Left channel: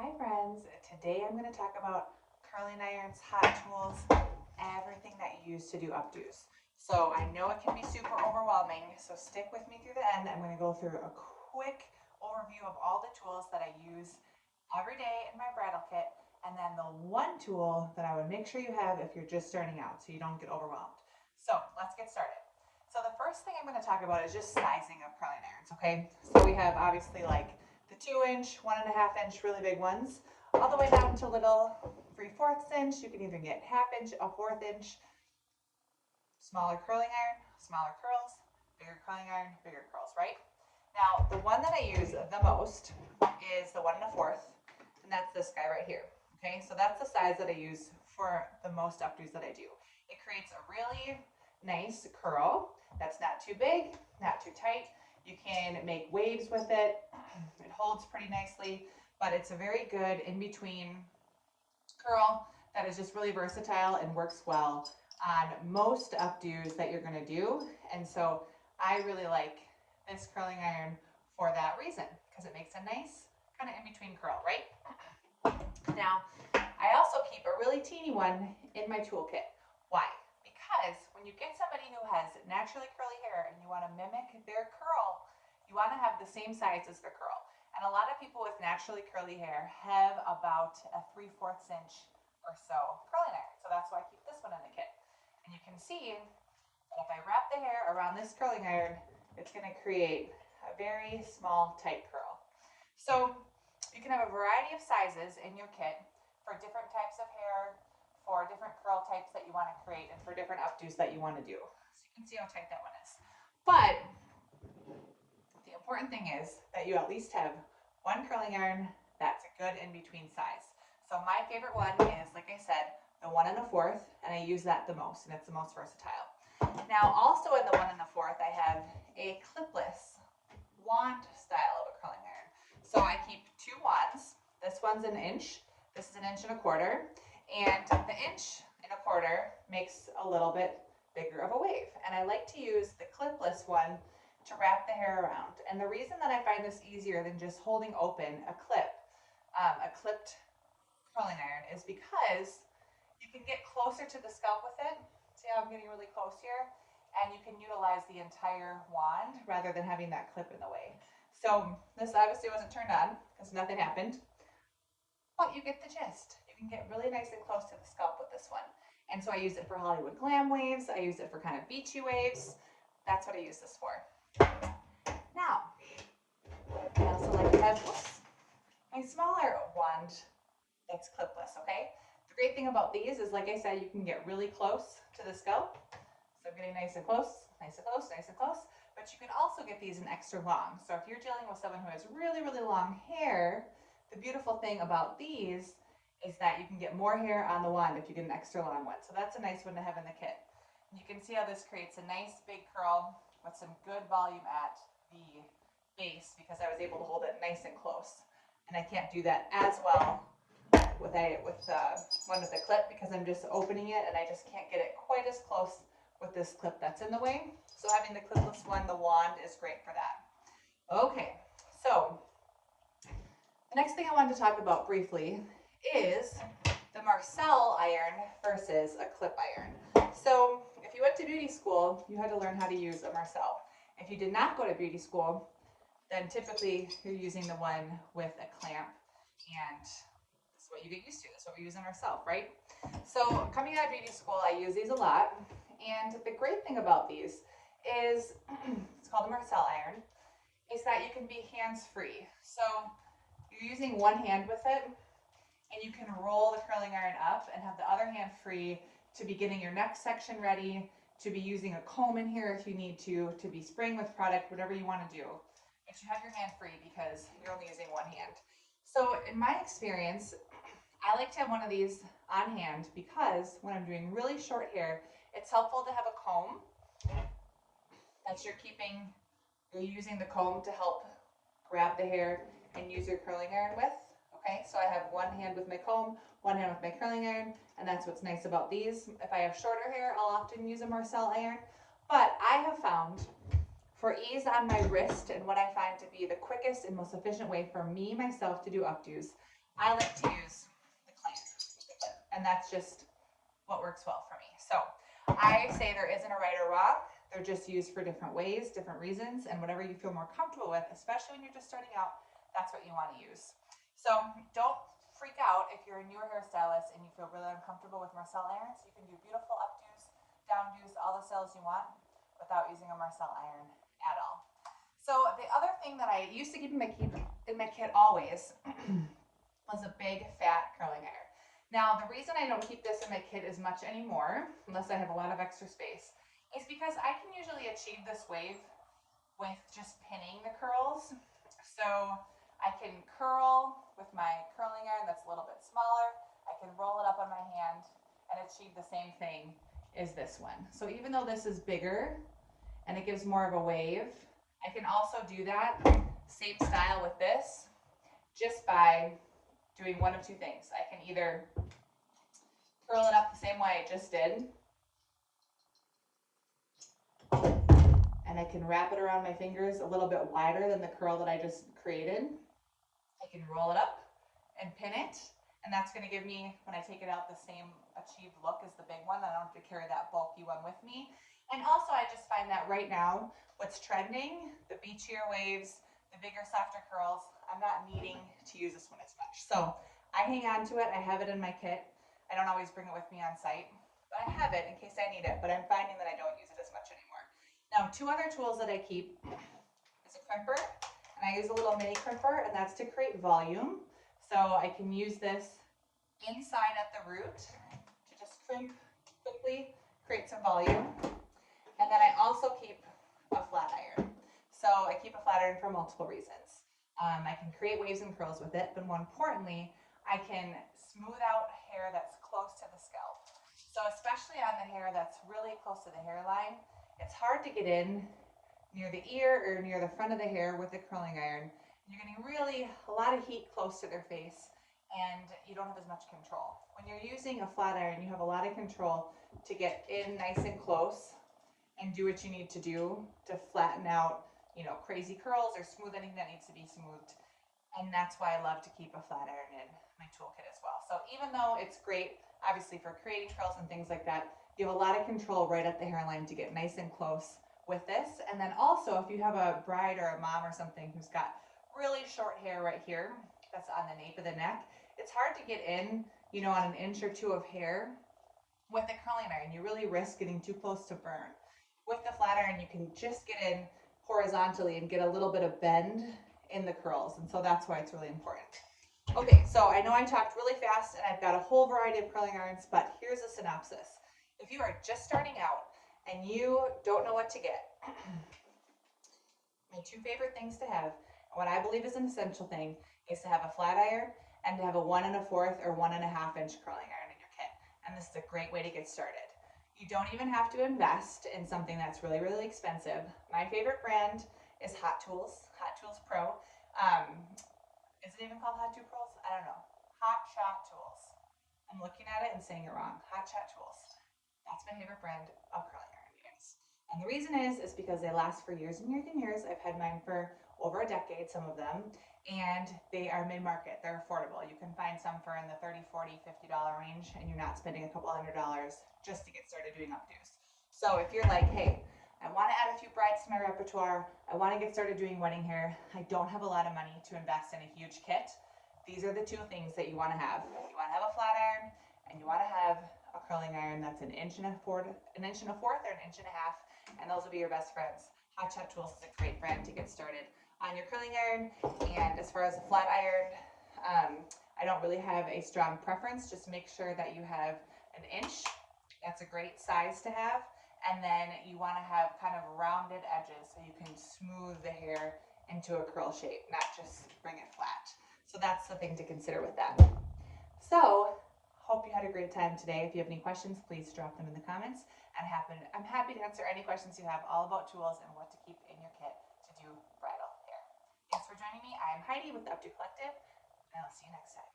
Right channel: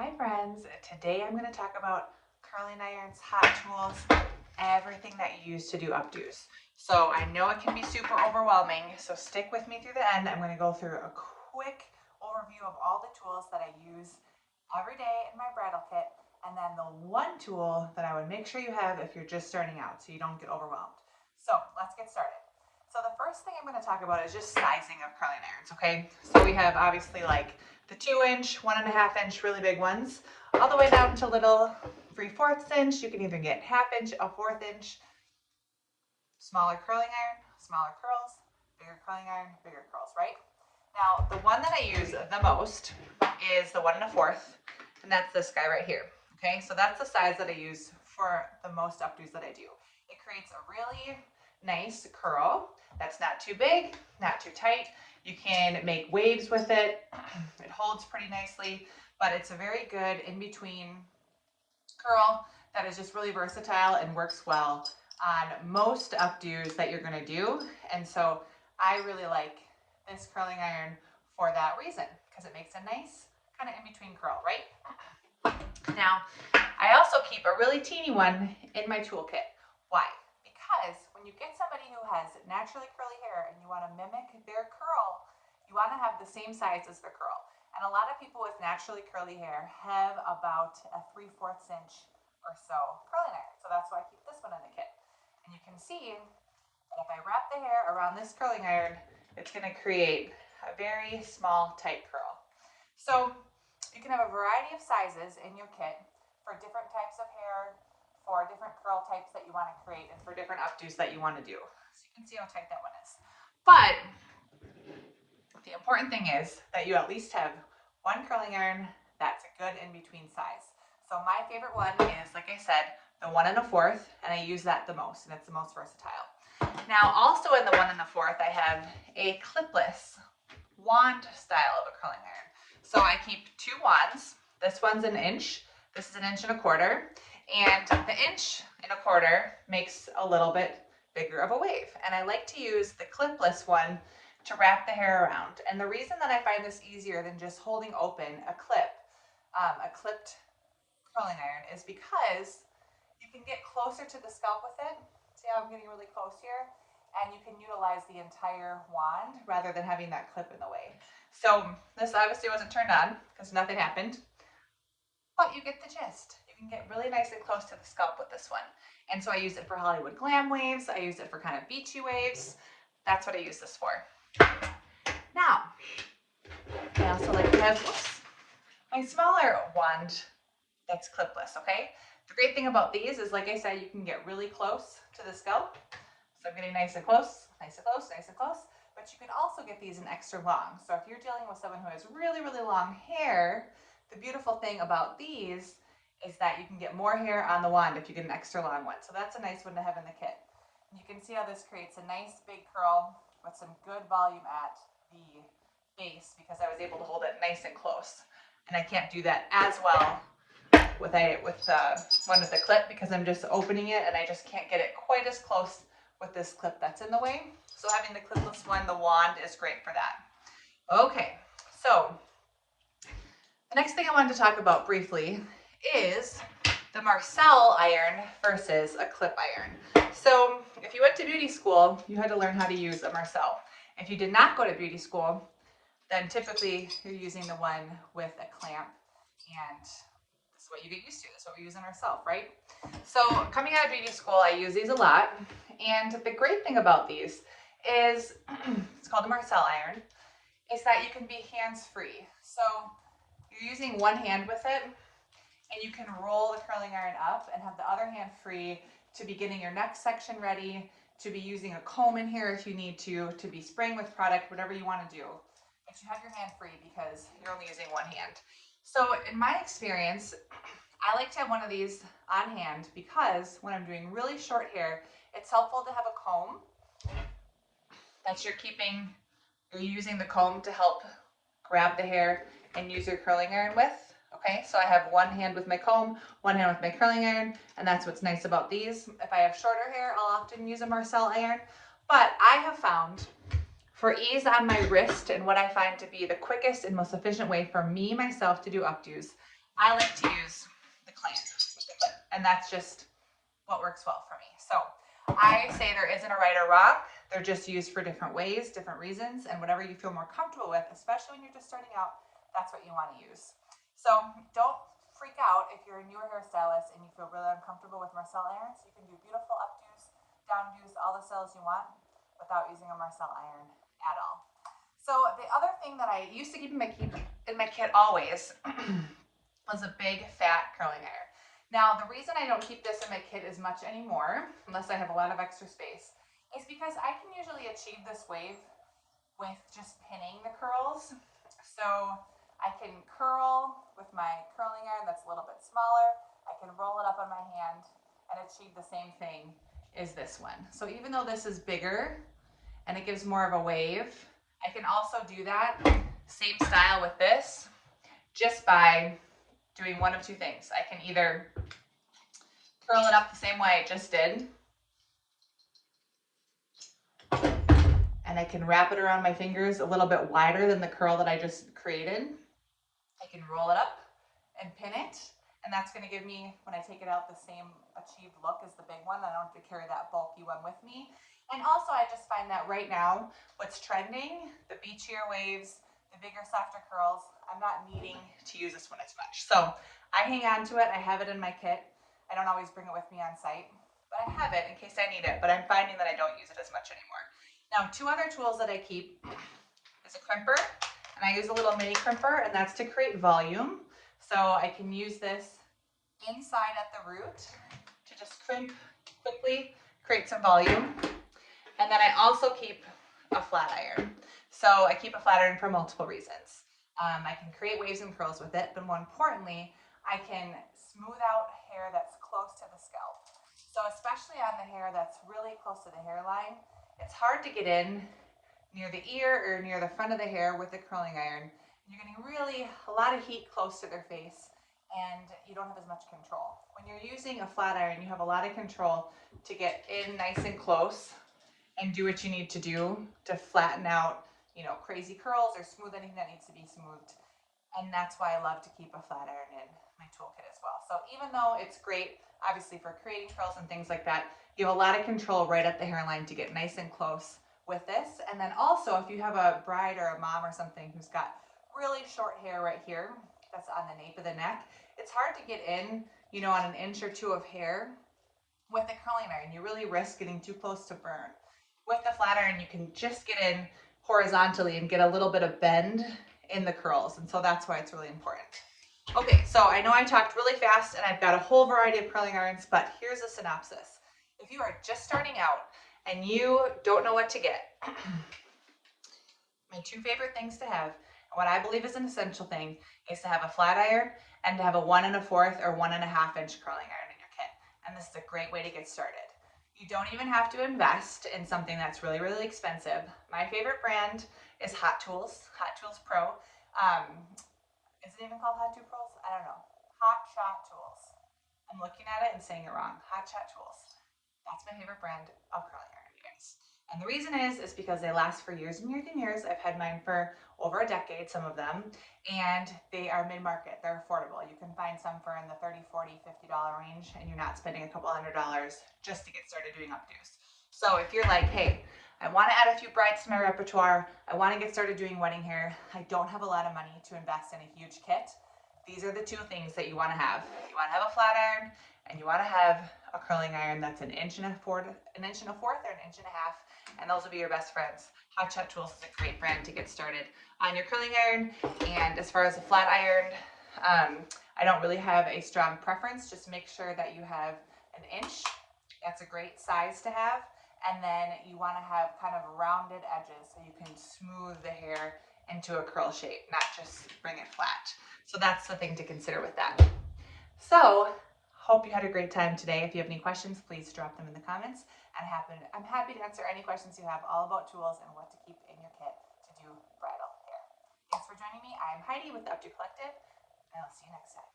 Hi friends, today I'm going to talk about curling irons, hot tools, everything that you use to do updos. So I know it can be super overwhelming, so stick with me through the end. I'm going to go through a quick overview of all the tools that I use every day in my bridal kit, and then the one tool that I would make sure you have if you're just starting out so you don't get overwhelmed. So let's get started. So the first thing I'm going to talk about is just sizing of curling irons, okay? So we have obviously like the 2-inch, 1.5-inch, really big ones, all the way down to little 3/4 inch. You can even get 1/2 inch, a 1/4 inch, smaller curling iron, smaller curls, bigger curling iron, bigger curls, right? Now, the one that I use the most is the 1 1/4, and that's this guy right here. Okay, so that's the size that I use for the most updos that I do. It creates a really nice curl that's not too big, not too tight. You can make waves with it. It holds pretty nicely, but it's a very good in-between curl that is just really versatile and works well on most updos that you're going to do. And so I really like this curling iron for that reason, because it makes a nice kind of in-between curl, right? Now, I also keep a really teeny one in my toolkit. Why? Because when you get somebody who has naturally curly hair and you want to mimic their curl, you want to have the same size as their curl. And a lot of people with naturally curly hair have about a 3/4 inch or so curling iron. So that's why I keep this one in the kit. And you can see that if I wrap the hair around this curling iron, it's going to create a very small, tight curl. So you can have a variety of sizes in your kit for different types of hair, for different curl types that you want to create, and for different updos that you want to do. So you can see how tight that one is. But the important thing is that you at least have one curling iron that's a good in-between size. So my favorite one is, like I said, the 1 1/4, and I use that the most, and it's the most versatile. Now, also in the 1 1/4, I have a clipless wand style of a curling iron. So I keep 2 wands. This one's 1 inch. This is 1 1/4 inch. And the 1 1/4 inch makes a little bit bigger of a wave. And I like to use the clipless one to wrap the hair around. And the reason that I find this easier than just holding open a clipped curling iron, is because you can get closer to the scalp with it. See how I'm getting really close here? And you can utilize the entire wand rather than having that clip in the way. So this obviously wasn't turned on because nothing happened, but you get the gist. You can get really nice and close to the scalp with this one. And so I use it for Hollywood glam waves. I use it for kind of beachy waves. That's what I use this for. Now, I also like to have my smaller wand that's clipless, okay? The great thing about these is, like I said, you can get really close to the scalp. So I'm getting nice and close, nice and close, nice and close. But you can also get these in extra long. So if you're dealing with someone who has really, really long hair, the beautiful thing about these is that you can get more hair on the wand if you get an extra long one. So that's a nice one to have in the kit. You can see how this creates a nice big curl with some good volume at the base, because I was able to hold it nice and close. And I can't do that as well with one with the clip, because I'm just opening it and I just can't get it quite as close with this clip that's in the way. So having the clipless one, the wand, is great for that. Okay, so the next thing I wanted to talk about briefly is the Marcel iron versus a clip iron. So if you went to beauty school, you had to learn how to use a Marcel. If you did not go to beauty school, then typically you're using the one with a clamp, and this is what you get used to. That's what we use in ourselves, right? So coming out of beauty school, I use these a lot. And the great thing about these is, it's called a Marcel iron, is that you can be hands-free. So you're using one hand with it, and you can roll the curling iron up and have the other hand free to be getting your next section ready, to be using a comb in here if you need to be spraying with product, whatever you want to do. But you have your hand free because you're only using one hand. So in my experience, I like to have one of these on hand, because when I'm doing really short hair, it's helpful to have a comb that you're using the comb to help grab the hair and use your curling iron with. Okay, so I have one hand with my comb, one hand with my curling iron, and that's what's nice about these. If I have shorter hair, I'll often use a Marcel iron, but I have found, for ease on my wrist and what I find to be the quickest and most efficient way for me, myself, to do updos, I like to use the clamp, and that's just what works well for me. So I say there isn't a right or wrong. They're just used for different ways, different reasons, and whatever you feel more comfortable with, especially when you're just starting out, that's what you want to use. So don't freak out if you're a newer hairstylist and you feel really uncomfortable with Marcel irons. You can do beautiful updos, downdos, all the styles you want without using a Marcel iron at all. So the other thing that I used to keep in my kit always was a big fat curling iron. Now the reason I don't keep this in my kit as much anymore, unless I have a lot of extra space, is because I can usually achieve this wave with just pinning the curls. So I can curl with my curling iron that's a little bit smaller. I can roll it up on my hand and achieve the same thing as this one. So even though this is bigger and it gives more of a wave, I can also do that same style with this just by doing one of two things. I can either curl it up the same way I just did, and I can wrap it around my fingers a little bit wider than the curl that I just created. I can roll it up and pin it, and that's going to give me, when I take it out, the same achieved look as the big one. I don't have to carry that bulky one with me. And also I just find that right now what's trending, the beachier waves, the bigger, softer curls, I'm not needing to use this one as much. So I hang on to it. I have it in my kit. I don't always bring it with me on site, but I have it in case I need it, but I'm finding that I don't use it as much anymore. Now, two other tools that I keep is a crimper, and I use a little mini crimper, and that's to create volume. So I can use this inside at the root to just crimp quickly, create some volume. And then I also keep a flat iron. So I keep a flat iron for multiple reasons. I can create waves and curls with it, but more importantly, I can smooth out hair that's close to the scalp. So especially on the hair that's really close to the hairline, it's hard to get in near the ear or near the front of the hair with the curling iron. You're getting really a lot of heat close to their face, and you don't have as much control. When you're using a flat iron, you have a lot of control to get in nice and close and do what you need to do to flatten out, you know, crazy curls or smooth anything that needs to be smoothed. And that's why I love to keep a flat iron in my toolkit as well. So even though it's great, obviously, for creating curls and things like that, you have a lot of control right at the hairline to get nice and close with this. And then also, if you have a bride or a mom or something who's got really short hair right here, that's on the nape of the neck, it's hard to get in, you know, on an inch or two of hair with a curling iron. You really risk getting too close to burn. With the flat iron, you can just get in horizontally and get a little bit of bend in the curls, and so that's why it's really important. Okay, so I know I talked really fast and I've got a whole variety of curling irons, but here's a synopsis. If you are just starting out and you don't know what to get, my two favorite things to have, and what I believe is an essential thing, is to have a flat iron and to have a 1 1/4 or 1 1/2 inch curling iron in your kit. And this is a great way to get started. You don't even have to invest in something that's really, really expensive. My favorite brand is Hot Tools Pro. Is it even called Hot Tools Pro? I don't know. Hot Shot Tools. I'm looking at it and saying it wrong. Hot Shot Tools. That's my favorite brand of curling iron, you guys. And the reason is because they last for years and years and years. I've had mine for over a decade, some of them, and they are mid-market. They're affordable. You can find some for in the $30, $40, $50 range, and you're not spending a couple $100s just to get started doing updos. So if you're like, hey, I want to add a few brides to my repertoire, I want to get started doing wedding hair, I don't have a lot of money to invest in a huge kit, these are the two things that you want to have. You want to have a flat iron, and you want to have a curling iron that's an inch and a fourth or an inch and a half, and those will be your best friends. Hot Shot Tools is a great brand to get started on your curling iron. And as far as a flat iron, I don't really have a strong preference. Just make sure that you have an inch. That's a great size to have. And then you want to have kind of rounded edges so you can smooth the hair into a curl shape, not just bring it flat. So that's the thing to consider with that. So hope you had a great time today. If you have any questions, please drop them in the comments. I'm happy to answer any questions you have all about tools and what to keep in your kit to do bridal hair. Thanks for joining me. I'm Heidi with the Updo Collective, and I'll see you next time.